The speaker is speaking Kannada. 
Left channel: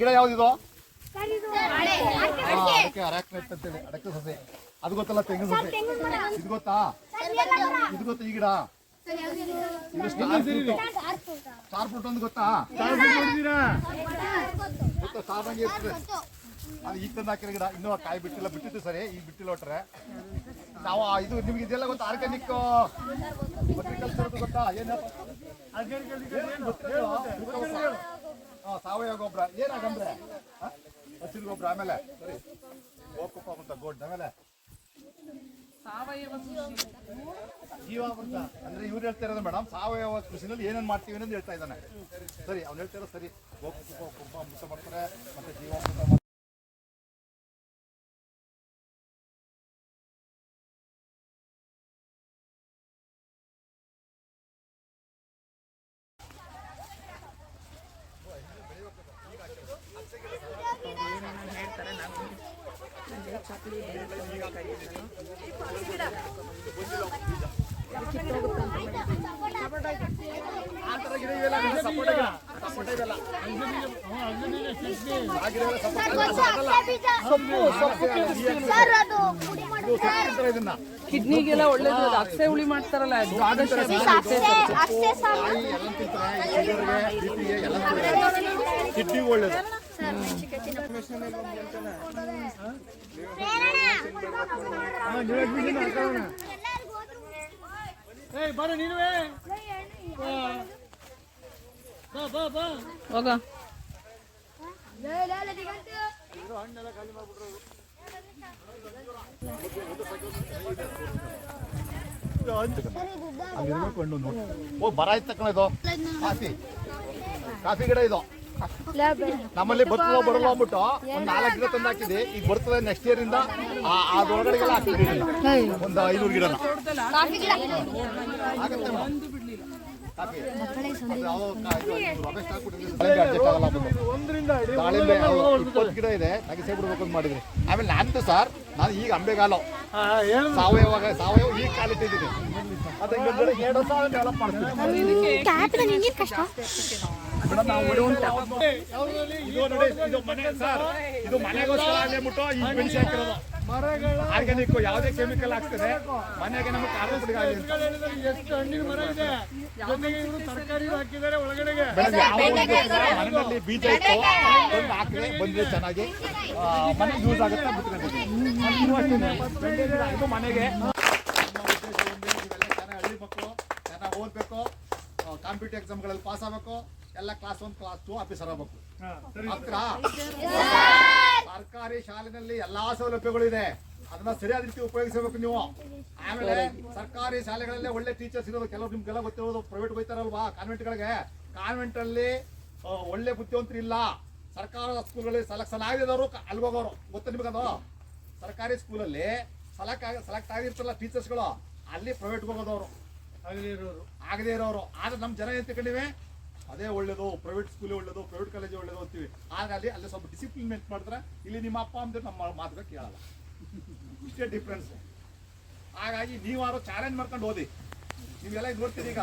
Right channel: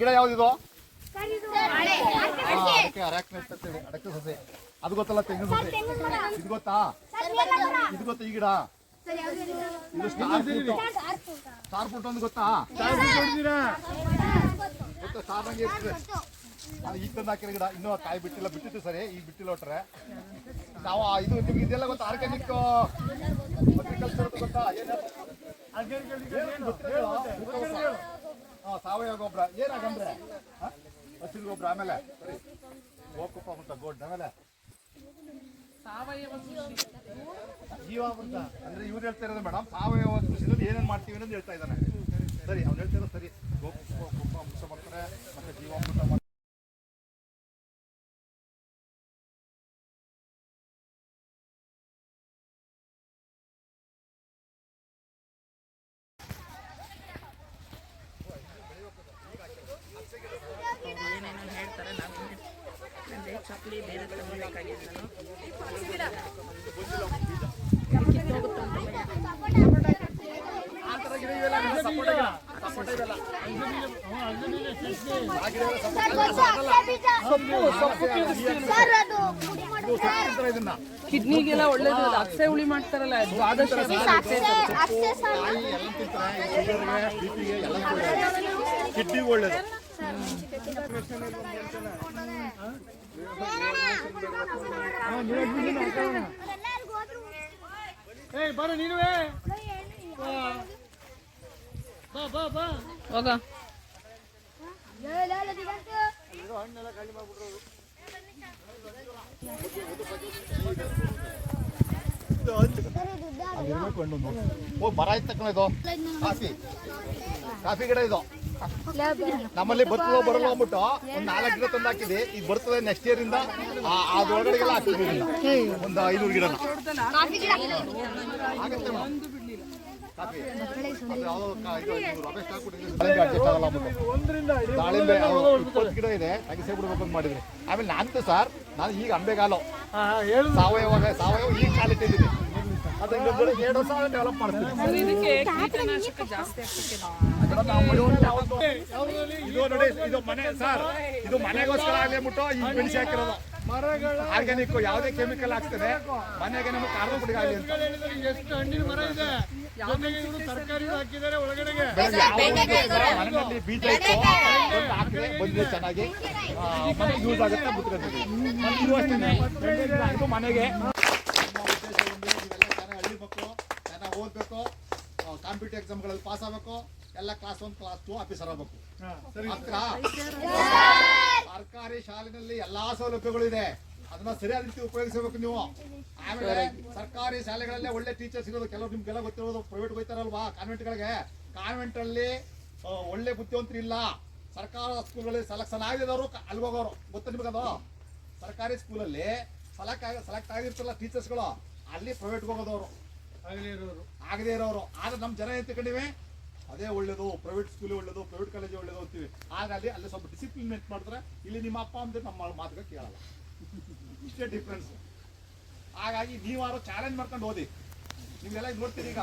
ಗಿಡ ಯಾವ್ದಿದು? ಅಡಕೆ. ಸೊಸೆ. ಅದು ಗೊತ್ತಲ್ಲ ತೆಂಗಿನ ಸೊಸೆ? ಇದು ಗೊತ್ತಾ? ಇದು ಗೊತ್ತಾ ಈ ಗಿಡ? ಸಾರ್ ಸ್ಟಾರ್ ಫ್ರೂಟ್ ಒಂದು ಗೊತ್ತಾ? ಗೊತ್ತಾ ಸಾದಂಗೆ ಇರ್ತದೆ ಅದು ಈಗ ತಂದು ಹಾಕಿರೋ ಗಿಡ ಇನ್ನೂ ಕಾಯಿ ಬಿಟ್ಟಿಲ್ಲ. ಬಿಟ್ಟಿತ್ತು ಸರಿ ಈಗ ಬಿಟ್ಟಿಲ್ಲ ಒಟ್ಟರೆ ನಾವು ಇದು ನಿಮ್ಗೆ ಇದೆಲ್ಲ ಗೊತ್ತಾ? ಆರ್ಗ್ಯಾನಿಕ್ ಅಗ್ರಿಕಲ್ಚರ್ ಗೊತ್ತಾ? ಏನಪ್ಪ ಏನ್ ಗೊತ್ತಿಲ್ಲ? ಸಾವಯವ ಗೊಬ್ಬರ ಏನಾಗಂದ್ರೆ ಹಸಿರು ಗೊಬ್ಬರ ಆಮೇಲೆ ಸರಿ ಹೋಗ್ಬೇಕು ಅಂತ ಗೋಡ್ ಆಮೇಲೆ. ಜೀವಾಮೃತ ಅಂದ್ರೆ ಇವ್ರು ಹೇಳ್ತಾ ಇರೋದು ಮೇಡಮ್ ಸಾವಯವ ಕೃಷಿನಲ್ಲಿ ಏನೇನು ಮಾಡ್ತೀವಿ ಅನ್ನೋದು ಹೇಳ್ತಾ ಇದ್ದಾನೆ. ಸರಿ ಅವ್ನು ಹೇಳ್ತಿರೋದು ಸರಿ. ಗೋಪುಷ್ಪ ಗೊಬ್ಬ ಅಂಶ ಮಾಡ್ತಾರೆ ಮತ್ತೆ ಜೀವಾಮೃತ ಮಾಡ್ತಾರೆ ಏನೇನೋ ಹೇಳ್ತಾರೆ ನಾವು ಅಂದರೆ ಚಪ್ಪಲಿ ಬೇರೆ ಬೇಕಾಗಿತ್ತು ಆ ಥರ ಗಿಡ ಇವೆಲ್ಲ ನಮ್ಮ ಸಪೋಟ ಗಿಡ. ಸಪೋಟ ಇದೆಲ್ಲ. ಆ ಗಿಡ ಎಲ್ಲ ಸಪೋಟ ಸೊಪ್ಪು ಸೊಪ್ಪು ಇದು ಚಪ್ಪಲಿ ಕಿಡ್ನಿಗೆಲ್ಲ ಒಳ್ಳೇದು ಅದು ಅಕ್ಸೆ ಹುಳಿ ಮಾಡ್ತಾರಲ್ಲ ಕಾಯಿ ಎಲ್ಲ ತಿಂತಾರೆ ಎಲ್ಲ ಒಳ್ಳೇದು. ಕಿಡ್ನಿಗೆ ಒಳ್ಳೇದು ಹೋಗ ನೋಡಿ ಓ ಬರ ಇದು. ಕಾಫಿ. ಕಾಫಿ ಗಿಡ ಇದು. ನಮ್ಮಲ್ಲಿ ಬರ್ತದೋ ಬರಲ್ಲ ಅಂದ್ಬಿಟ್ಟು ಒಂದ್ ನಾಲ್ಕು ಗಿಡ ತಂದು ಹಾಕಿದ್ವಿ. ಈಗ ಬರ್ತದೆ ನೆಕ್ಸ್ಟ್ ಇಯರ್ ಇಂದ ಆ- ಅದ್ರೊಳಗಡೆಗೆಲ್ಲ ಹಾಕಿದ್ವಿ. ಒಂದು ಐನೂರು ಗಿಡ. ಬಿಡ್ಬೇಕು ಅಂತ ಮಾಡಿದ್ರಿ ಆಮೇಲೆ ನಾನು ಸರ್ ನಾನು ಈಗ ಅಂಬೆಗಾಲ ಸಾವಯವ ಸಾವಯವ ಈಗ ಕಾಲು ಇದು ಮನೆಗೋಸ್ಕರ ಆಗಲಿ ಬಿಟ್ಟು ಈ ಮೆಣಸು ಹಾಕಿರೋದು. ಮರಗಳ ಆರ್ಗ್ಯಾನಿಕ್ ಯಾವುದೇ ಕೆಮಿಕಲ್ ಆಗ್ತದೆ ಮನೆಗೆ ನಮಗೆ ಕಾರ್ಬನ್ ಪುಡಿ ಎಷ್ಟು ಹಣ್ಣಿನ ಮರ ಇದೆ? ತರಕಾರಿ ಹಾಕಿದ್ದಾರೆ ಒಳಗಡೆಗೆ. ಮನೆಯಲ್ಲಿ ಬೀಜ ಇತ್ತು. ತಂದು ಹಾಕಿದ್ರೆ ಬಂದ್ರೆ ಚೆನ್ನಾಗಿ ಮನೆ ಮನೆಗೆ ಯೂಸ್ ಆಗುತ್ತೆ ಇದು ಮನೆಗೆ. ನಮ್ಮ ಉದ್ದೇಶ ಒಂದೇ ಇವೆಲ್ಲ ಚೆನ್ನಾಗಿ ಹಳ್ಳಿ ಮಕ್ಕಳು ಚೆನ್ನಾಗಿ ಓದಬೇಕು ಕಾಂಪಿಟೇಟಿವ್ ಎಕ್ಸಾಮ್ಗಳಲ್ಲಿ ಪಾಸ್ ಆಗಬೇಕು ಎಲ್ಲ class one class two officer ಆಗಬೇಕು. ಹತ್ರ ಸರ್ಕಾರಿ ಶಾಲೆನಲ್ಲಿ ಎಲ್ಲಾ ಸೌಲಭ್ಯಗಳು ಇದೆ ಅದನ್ನ ಸರಿಯಾದ ರೀತಿ ಉಪಯೋಗಿಸಬೇಕು ನೀವು. ಆಮೇಲೆ ಸರ್ಕಾರಿ ಶಾಲೆಗಳಲ್ಲೇ ಒಳ್ಳೆ ಟೀಚರ್ಸ್ ಇರೋದು ಕೆಲವರು ನಿಮ್ಗೆಲ್ಲ ಗೊತ್ತಿರೋದು ಪ್ರೈವೇಟ್ ಹೋಗ್ತಾರಲ್ವಾ ಕಾನ್ವೆಂಟ್ಗಳಿಗೆ ಕಾನ್ವೆಂಟ್ ಅಲ್ಲಿ ಒಳ್ಳೆ ಬುದ್ಧಿವಂತರು ಇಲ್ಲ. ಸರ್ಕಾರ ಸ್ಕೂಲ್ಗಳಲ್ಲಿ ಸೆಲೆಕ್ಷನ್ ಆಗಿದವರು ಅಲ್ಲಿ ಹೋಗೋರು. ಗೊತ್ತ ನಿಮಗದು ಸರ್ಕಾರಿ ಸ್ಕೂಲಲ್ಲಿ ಸೆಲೆಕ್ಟ್ ಆಗಿ ಸೆಲೆಕ್ಟ್ ಆಗಿರ್ತಾರಲ್ಲ ಟೀಚರ್ಸ್ಗಳು ಅಲ್ಲಿ ಪ್ರೈವೇಟ್ ಹೋಗೋದವರು. ಆಗದೇ ಇರೋರು. ಆಗದೇ ಇರೋರು. ಆದ್ರೆ ನಮ್ಮ ಜನ ಏನ್ ತಿಳ್ಕೊಂಡಿವೆ? ಅದೇ ಒಳ್ಳೇದು ಪ್ರೈವೇಟ್ ಸ್ಕೂಲ್ ಒಳ್ಳೇದು ಪ್ರೈವೇಟ್ ಕಾಲೇಜ್ ಒಳ್ಳೇದು ಅಂತೀವಿ. ಹಾಗಾಗಿ ಅಲ್ಲಿ ಸ್ವಲ್ಪ ಡಿಸಿಪ್ಲಿನ್ ಮೇಂಟ್ ಮಾಡಿದ್ರೆ ಇಲ್ಲಿ ನಿಮ್ಮ ಅಪ್ಪ ಅಮ್ಮ ನಮ್ಮ ಮಾತುಗಳು ಕೇಳಲ್ಲ. ಇಷ್ಟೇ ಡಿಫ್ರೆನ್ಸ್ ಹಾಗಾಗಿ ನೀವಾರು ಚಾಲೆಂಜ್ ಮಾಡ್ಕೊಂಡು ಓದಿ ನೀವೆಲ್ಲ ನೋಡ್ತೀರಿ ಈಗ.